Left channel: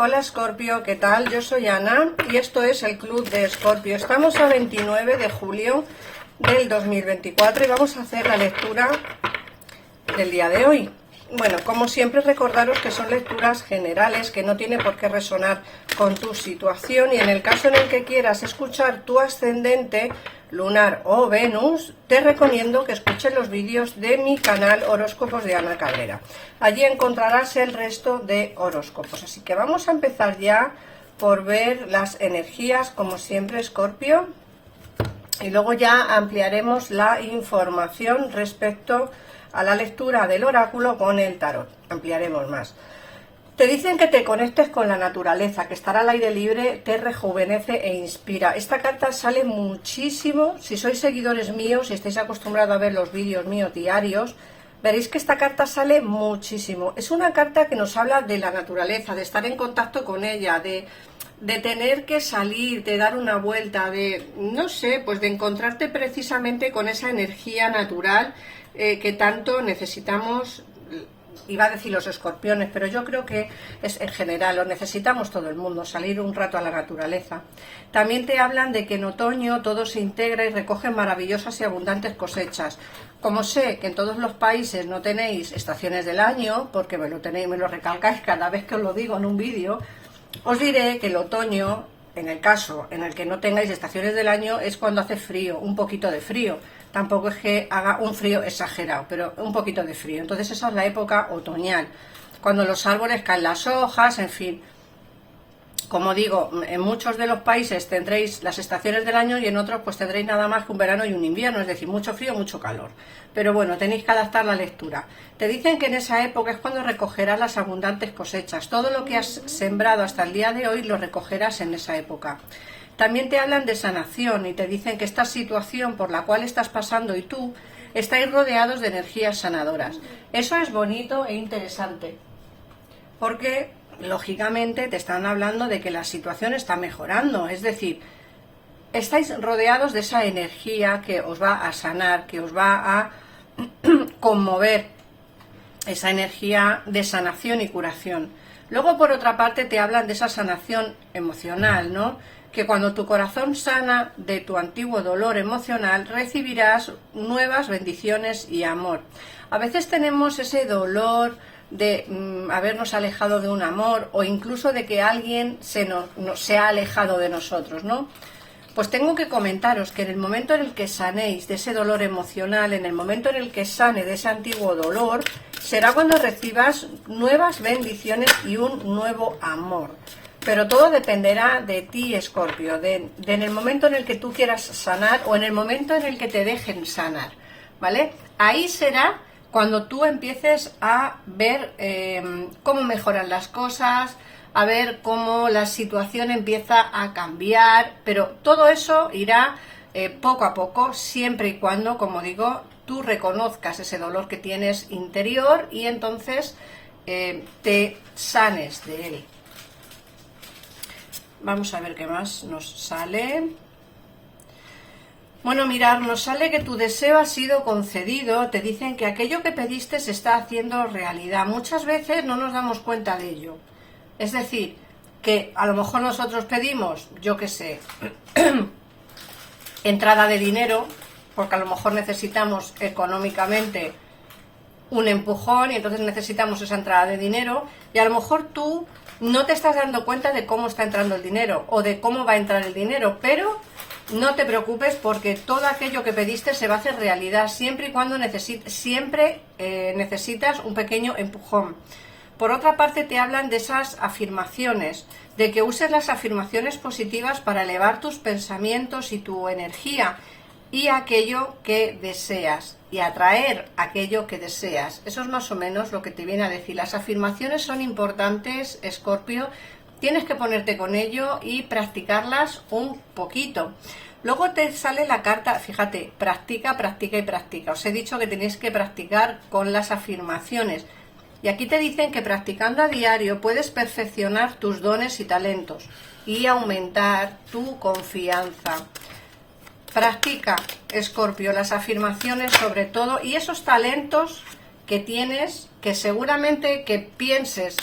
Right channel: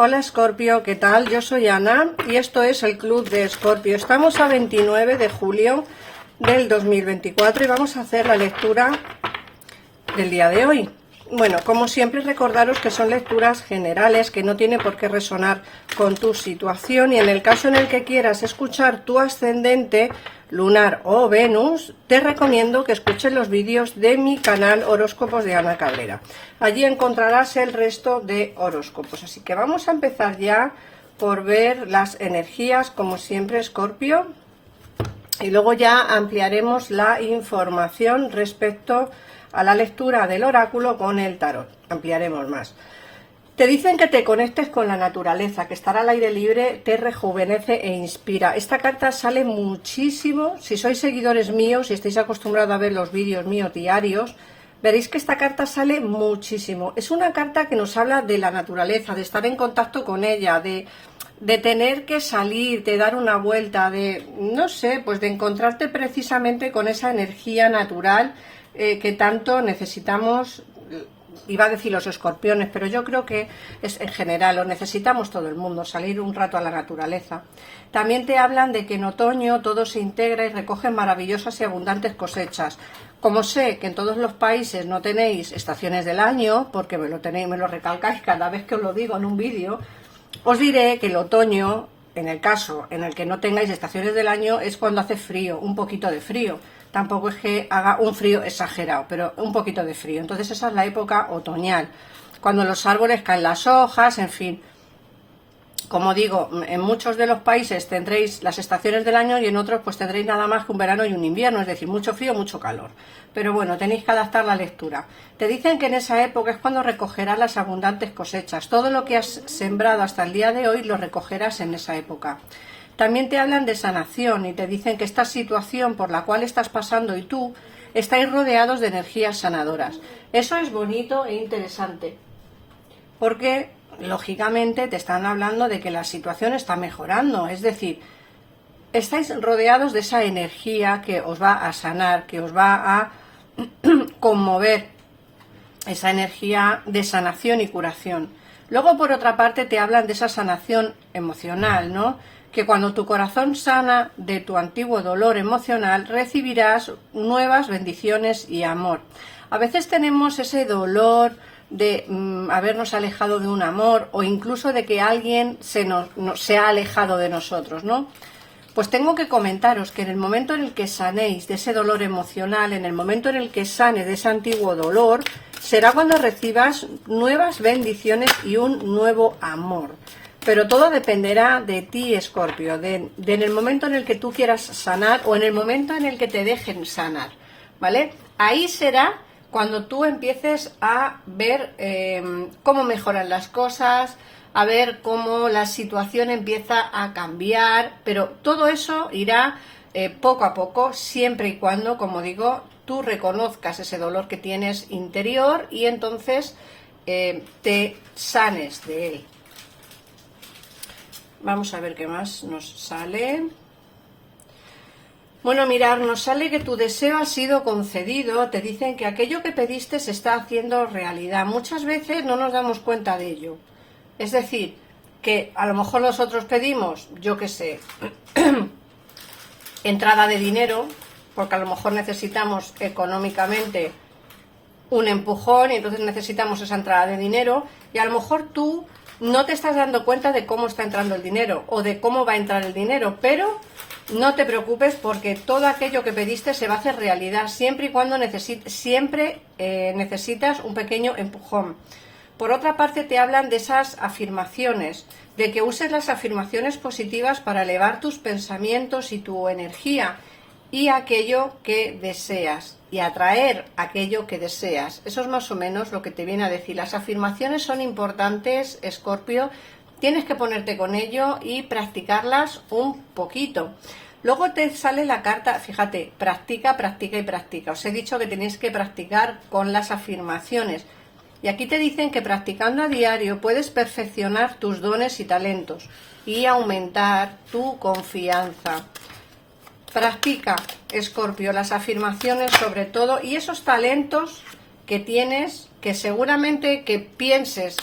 Hola Escorpio, ¿qué tal? Yo soy Ana y esto es el Club de Escorpio. Estamos a 29 de julio del 2024 y vamos a hacer la lectura del día de hoy. Bueno, como siempre recordaros que son lecturas generales, que no tiene por qué resonar con tu situación, y en el caso en el que quieras escuchar tu ascendente, lunar o Venus, te recomiendo que escuches los vídeos de mi canal Horóscopos de Ana Cabrera. Allí encontrarás el resto de horóscopos. Así que vamos a empezar ya por ver las energías, como siempre, Escorpio, y luego ya ampliaremos la información respecto a la lectura del oráculo con el tarot. Ampliaremos más. Te dicen que te conectes con la naturaleza, que estar al aire libre te rejuvenece e inspira. Esta carta sale muchísimo. Si sois seguidores míos y estáis acostumbrados a ver los vídeos míos diarios, veréis que esta carta sale muchísimo. Es una carta que nos habla de la naturaleza, de estar en contacto con ella, de tener que salir, de dar una vuelta, de, no sé, pues de encontrarte precisamente con esa energía natural que tanto necesitamos. Iba a decir los escorpiones, pero yo creo que es en general, lo necesitamos todo el mundo, salir un rato a la naturaleza. También te hablan de que en otoño todo se integra y recoge maravillosas y abundantes cosechas. Como sé que en todos los países no tenéis estaciones del año, porque me lo recalcáis cada vez que os lo digo en un vídeo, os diré que el otoño, en el caso en el que no tengáis estaciones del año, es cuando hace frío, un poquito de frío. Tampoco es que haga un frío exagerado, pero un poquito de frío. Entonces esa es la época otoñal, cuando los árboles caen las hojas, en fin. Como digo, en muchos de los países tendréis las estaciones del año y en otros pues tendréis nada más que un verano y un invierno, es decir, mucho frío, mucho calor. Pero bueno, tenéis que adaptar la lectura. Te dicen que en esa época es cuando recogerás las abundantes cosechas. Todo lo que has sembrado hasta el día de hoy lo recogerás en esa época. También te hablan de sanación y te dicen que esta situación por la cual estás pasando y tú estáis rodeados de energías sanadoras. Eso es bonito e interesante, porque lógicamente te están hablando de que la situación está mejorando, es decir, estáis rodeados de esa energía que os va a sanar, que os va a conmover, esa energía de sanación y curación. Luego, por otra parte, te hablan de esa sanación emocional, ¿no? Que cuando tu corazón sana de tu antiguo dolor emocional, recibirás nuevas bendiciones y amor. A veces tenemos ese dolor de habernos alejado de un amor, o incluso de que alguien se ha alejado de nosotros, ¿no? Pues tengo que comentaros que en el momento en el que sanéis de ese dolor emocional, en el momento en el que sane de ese antiguo dolor, será cuando recibas nuevas bendiciones y un nuevo amor. Pero todo dependerá de ti, Escorpio, en el momento en el que tú quieras sanar o en el momento en el que te dejen sanar, ¿vale? Ahí será cuando tú empieces a ver cómo mejoran las cosas, a ver cómo la situación empieza a cambiar, pero todo eso irá poco a poco, siempre y cuando, como digo, tú reconozcas ese dolor que tienes interior y entonces te sanes de él. Vamos a ver qué más nos sale. Bueno, mirad, nos sale que tu deseo ha sido concedido. Te dicen que aquello que pediste se está haciendo realidad. Muchas veces no nos damos cuenta de ello. Es decir, que a lo mejor nosotros pedimos, yo qué sé, entrada de dinero, porque a lo mejor necesitamos económicamente un empujón y entonces necesitamos esa entrada de dinero, y a lo mejor tú no te estás dando cuenta de cómo está entrando el dinero o de cómo va a entrar el dinero, pero no te preocupes porque todo aquello que pediste se va a hacer realidad siempre y cuando necesitas un pequeño empujón. Por otra parte, te hablan de esas afirmaciones, de que uses las afirmaciones positivas para elevar tus pensamientos y tu energía y aquello que deseas, y atraer aquello que deseas. Eso es más o menos lo que te viene a decir. Las afirmaciones son importantes, Escorpio, tienes que ponerte con ello y practicarlas un poquito. Luego te sale la carta, fíjate, practica, practica y practica. Os he dicho que tenéis que practicar con las afirmaciones. Y aquí te dicen que practicando a diario puedes perfeccionar tus dones y talentos y aumentar tu confianza. Practica, Escorpio, las afirmaciones sobre todo, y esos talentos que tienes, que seguramente que pienses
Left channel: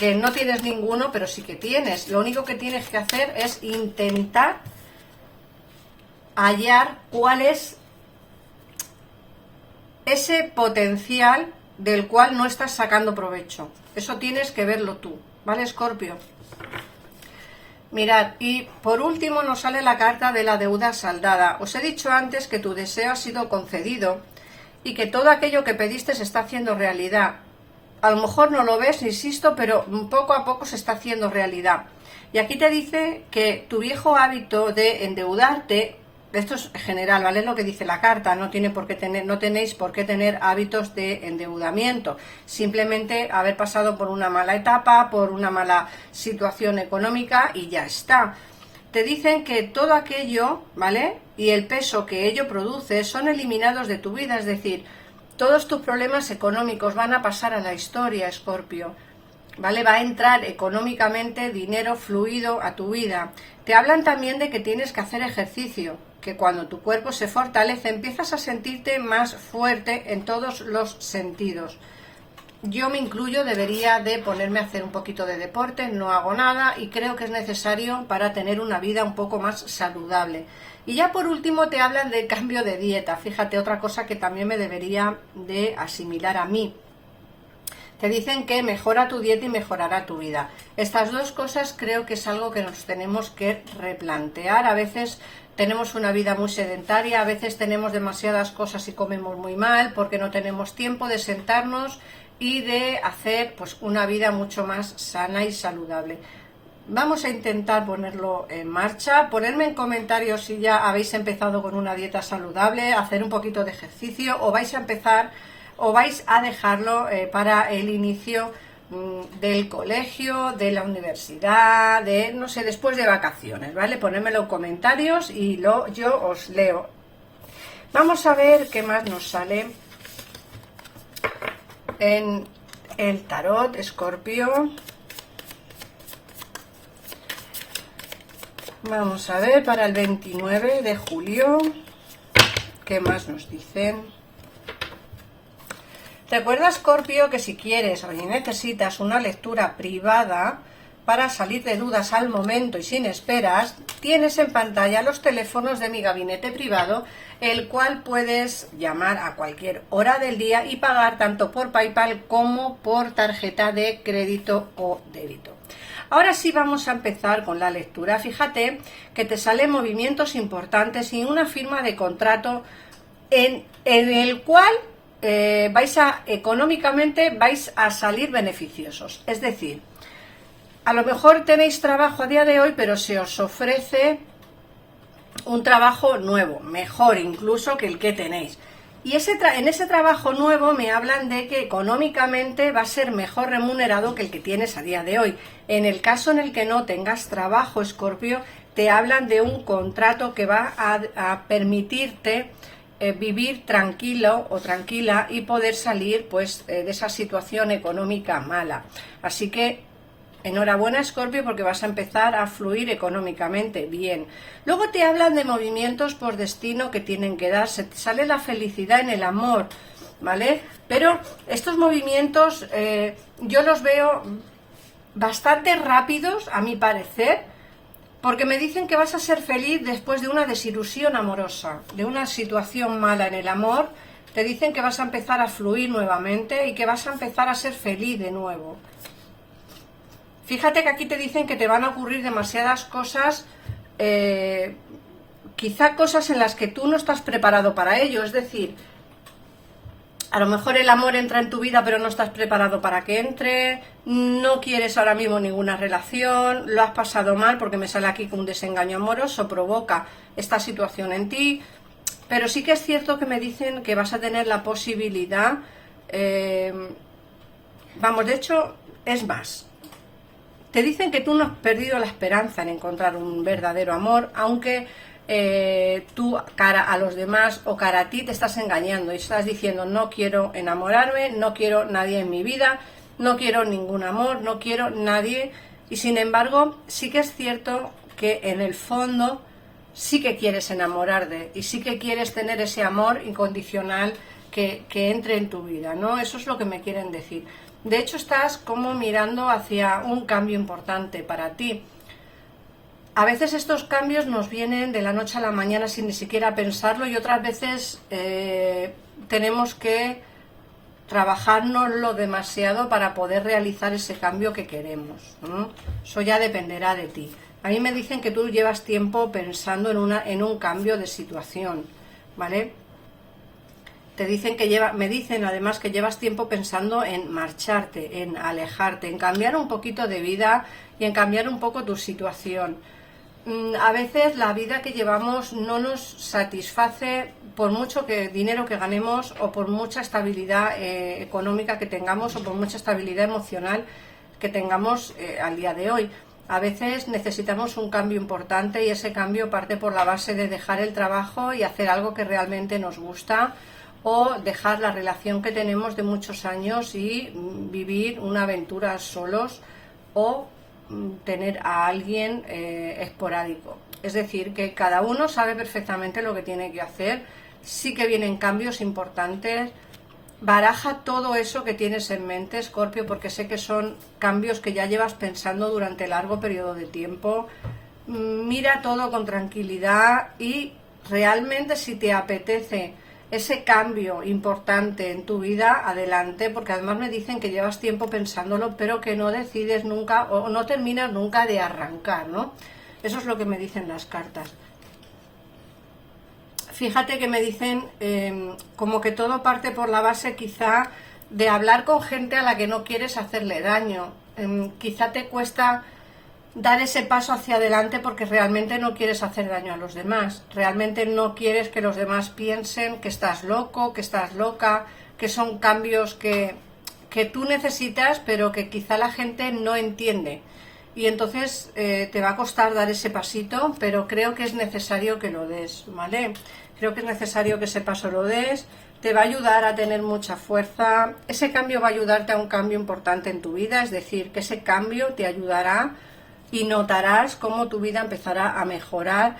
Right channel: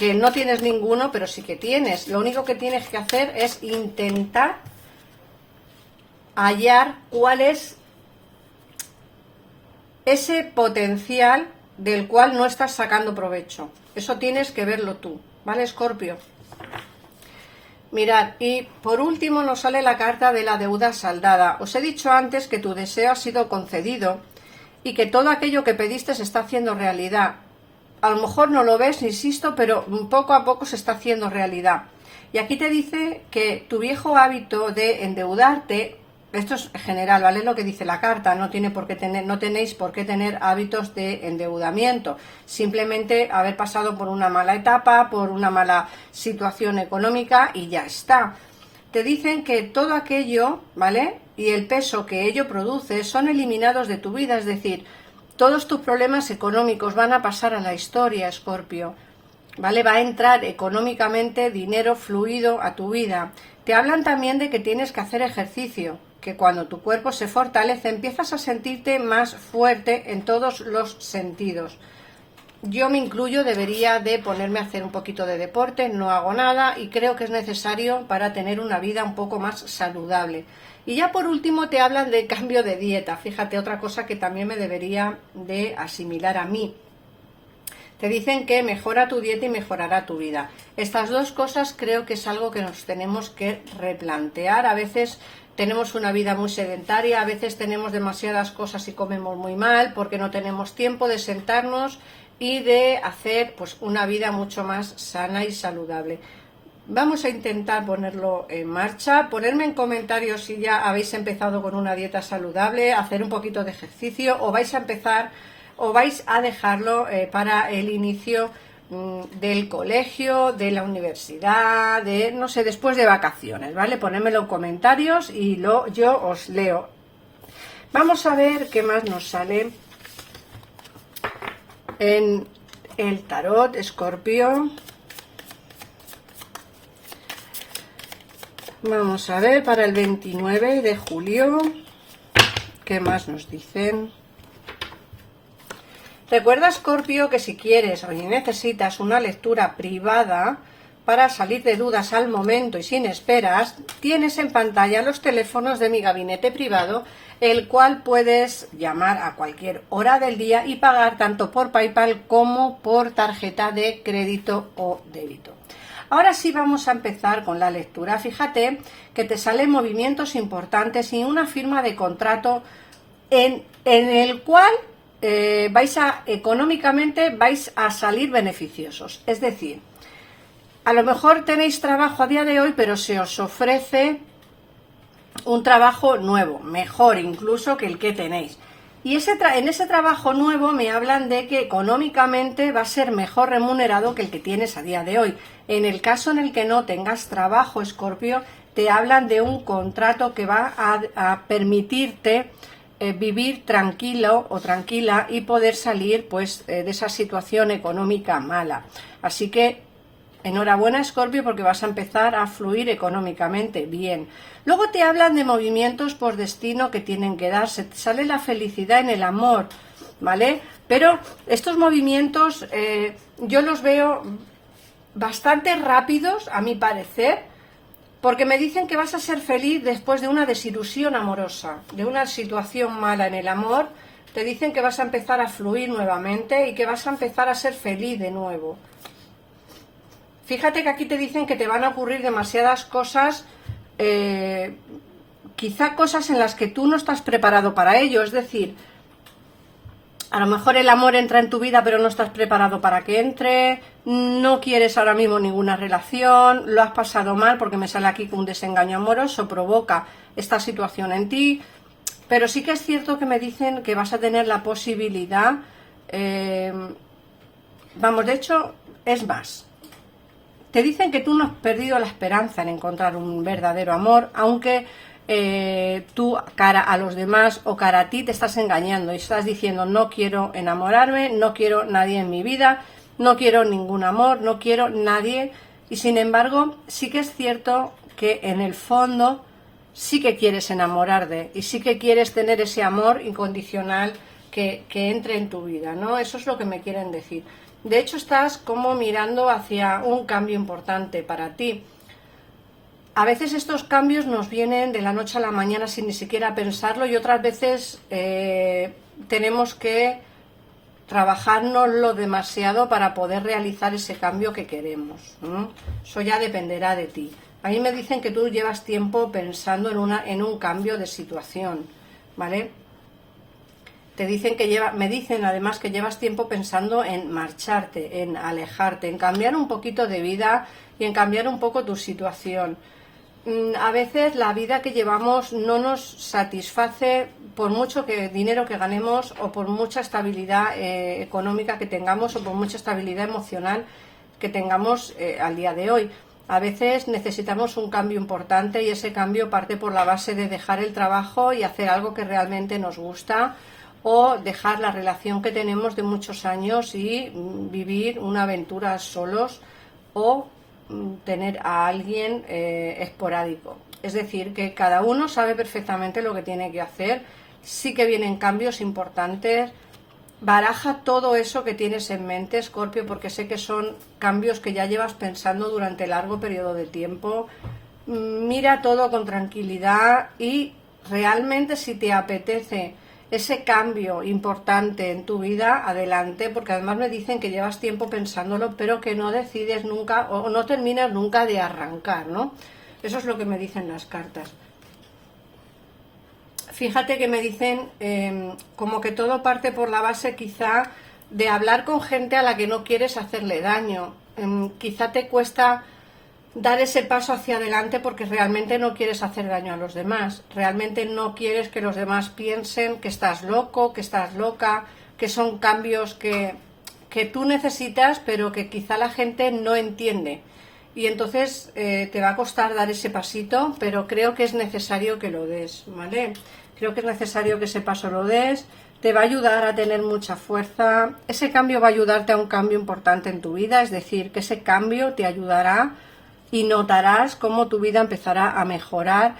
que no tienes ninguno, pero sí que tienes. Lo único que tienes que hacer es intentar hallar cuál es ese potencial del cual no estás sacando provecho. Eso tienes que verlo tú, ¿vale, Escorpio? Mirad, y por último nos sale la carta de la deuda saldada. Os he dicho antes que tu deseo ha sido concedido y que todo aquello que pediste se está haciendo realidad. A lo mejor no lo ves, insisto, pero poco a poco se está haciendo realidad. Y aquí te dice que tu viejo hábito de endeudarte, esto es general, ¿vale? Es lo que dice la carta, no tenéis por qué tener hábitos de endeudamiento. Simplemente haber pasado por una mala etapa, por una mala situación económica y ya está. Te dicen que todo aquello, ¿vale? Y el peso que ello produce son eliminados de tu vida, es decir, todos tus problemas económicos van a pasar a la historia, Escorpio, ¿vale? Va a entrar económicamente dinero fluido a tu vida. Te hablan también de que tienes que hacer ejercicio, que cuando tu cuerpo se fortalece empiezas a sentirte más fuerte en todos los sentidos. Yo me incluyo, debería de ponerme a hacer un poquito de deporte, no hago nada y creo que es necesario para tener una vida un poco más saludable. Y ya por último te hablan de cambio de dieta, fíjate, otra cosa que también me debería de asimilar a mí. Te dicen que mejora tu dieta y mejorará tu vida. Estas dos cosas creo que es algo que nos tenemos que replantear. A veces tenemos una vida muy sedentaria, a veces tenemos demasiadas cosas y comemos muy mal porque no tenemos tiempo de sentarnos y de hacer pues una vida mucho más sana y saludable. Vamos a intentar ponerlo en marcha, ponerme en comentarios si ya habéis empezado con una dieta saludable, hacer un poquito de ejercicio o vais a empezar o vais a dejarlo para el inicio del colegio, de la universidad, de no sé, después de vacaciones, ¿vale? Ponedmelo en comentarios y yo os leo. Vamos a ver qué más nos sale en el tarot, Escorpio. Vamos a ver para el 29 de julio, ¿qué más nos dicen? Recuerda, Escorpio, que si quieres o necesitas una lectura privada para salir de dudas al momento y sin esperas, tienes en pantalla los teléfonos de mi gabinete privado, el cual puedes llamar a cualquier hora del día y pagar tanto por PayPal como por tarjeta de crédito o débito. Ahora sí vamos a empezar con la lectura. Fíjate que te salen movimientos importantes y una firma de contrato en el cual económicamente vais a salir beneficiosos. Es decir, a lo mejor tenéis trabajo a día de hoy, pero se os ofrece un trabajo nuevo, mejor incluso que el que tenéis. Y en ese trabajo nuevo me hablan de que económicamente va a ser mejor remunerado que el que tienes a día de hoy. En el caso en el que no tengas trabajo, Escorpio, te hablan de un contrato que va a permitirte vivir tranquilo o tranquila y poder salir pues de esa situación económica mala. Así que enhorabuena, Escorpio, porque vas a empezar a fluir económicamente bien. Luego te hablan de movimientos por destino que tienen que darse. Te sale la felicidad en el amor, ¿vale? Pero estos movimientos yo los veo bastante rápidos, a mi parecer, porque me dicen que vas a ser feliz después de una desilusión amorosa, de una situación mala en el amor. Te dicen que vas a empezar a fluir nuevamente y que vas a empezar a ser feliz de nuevo. Fíjate que aquí te dicen que te van a ocurrir demasiadas cosas, quizá cosas en las que tú no estás preparado para ello. Es decir, a lo mejor el amor entra en tu vida pero no estás preparado para que entre, no quieres ahora mismo ninguna relación, lo has pasado mal porque me sale aquí que un desengaño amoroso provoca esta situación en ti. Pero sí que es cierto que me dicen que vas a tener la posibilidad, vamos, de hecho, es más. Te dicen que tú no has perdido la esperanza en encontrar un verdadero amor, aunque tú cara a los demás o cara a ti te estás engañando y estás diciendo no quiero enamorarme, no quiero nadie en mi vida, no quiero ningún amor, no quiero nadie. Y sin embargo, sí que es cierto que en el fondo sí que quieres enamorarte y sí que quieres tener ese amor incondicional que entre en tu vida, ¿no? Eso es lo que me quieren decir. De hecho, estás como mirando hacia un cambio importante para ti. A veces estos cambios nos vienen de la noche a la mañana sin ni siquiera pensarlo y otras veces tenemos que trabajárnoslo demasiado para poder realizar ese cambio que queremos, ¿no? Eso ya dependerá de ti. A mí me dicen que tú llevas tiempo pensando en un cambio de situación, ¿vale? Me dicen además que llevas tiempo pensando en marcharte, en alejarte, en cambiar un poquito de vida y en cambiar un poco tu situación. A veces la vida que llevamos no nos satisface por mucho dinero que ganemos o por mucha estabilidad económica que tengamos o por mucha estabilidad emocional que tengamos al día de hoy. A veces necesitamos un cambio importante y ese cambio parte por la base de dejar el trabajo y hacer algo que realmente nos gusta, o dejar la relación que tenemos de muchos años y vivir una aventura solos, o tener a alguien esporádico. Es decir, que cada uno sabe perfectamente lo que tiene que hacer. Sí que vienen cambios importantes. Baraja todo eso que tienes en mente, Escorpio, porque sé que son cambios que ya llevas pensando durante largo periodo de tiempo. Mira todo con tranquilidad y realmente, si te apetece ese cambio importante en tu vida, adelante, porque además me dicen que llevas tiempo pensándolo, pero que no decides nunca o no terminas nunca de arrancar, ¿no? Eso es lo que me dicen las cartas. Fíjate que me dicen como que todo parte por la base quizá de hablar con gente a la que no quieres hacerle daño. Quizá te cuesta dar ese paso hacia adelante porque realmente no quieres hacer daño a los demás, realmente no quieres que los demás piensen que estás loco, que estás loca, que son cambios que tú necesitas pero que quizá la gente no entiende, y entonces te va a costar dar ese pasito, pero creo que es necesario que lo des, ¿vale? Creo que es necesario que ese paso lo des, te va a ayudar a tener mucha fuerza, ese cambio va a ayudarte a un cambio importante en tu vida, es decir, que ese cambio te ayudará y notarás cómo tu vida empezará a mejorar.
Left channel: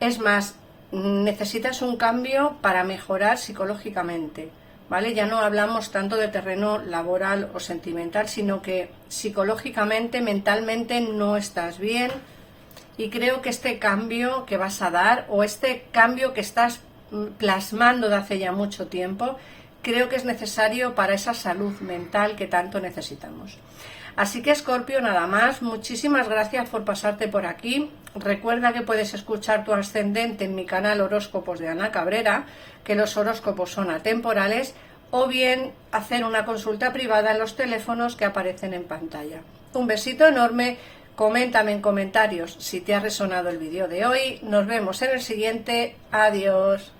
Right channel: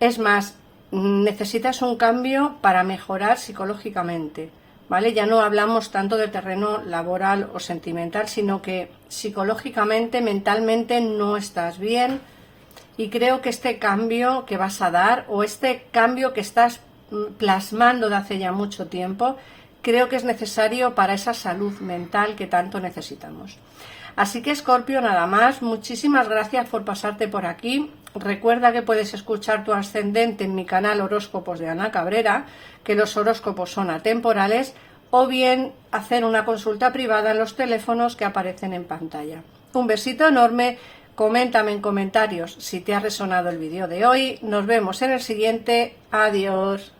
Es más, necesitas un cambio para mejorar psicológicamente, ¿vale? Ya no hablamos tanto de terreno laboral o sentimental, sino que psicológicamente, mentalmente no estás bien, y creo que este cambio que vas a dar, o este cambio que estás plasmando de hace ya mucho tiempo, creo que es necesario para esa salud mental que tanto necesitamos. Así que, Escorpio, nada más, muchísimas gracias por pasarte por aquí. Recuerda que puedes escuchar tu ascendente en mi canal Horóscopos de Ana Cabrera, que los horóscopos son atemporales, o bien hacer una consulta privada en los teléfonos que aparecen en pantalla. Un besito enorme, coméntame en comentarios si te ha resonado el vídeo de hoy. Nos vemos en el siguiente. Adiós.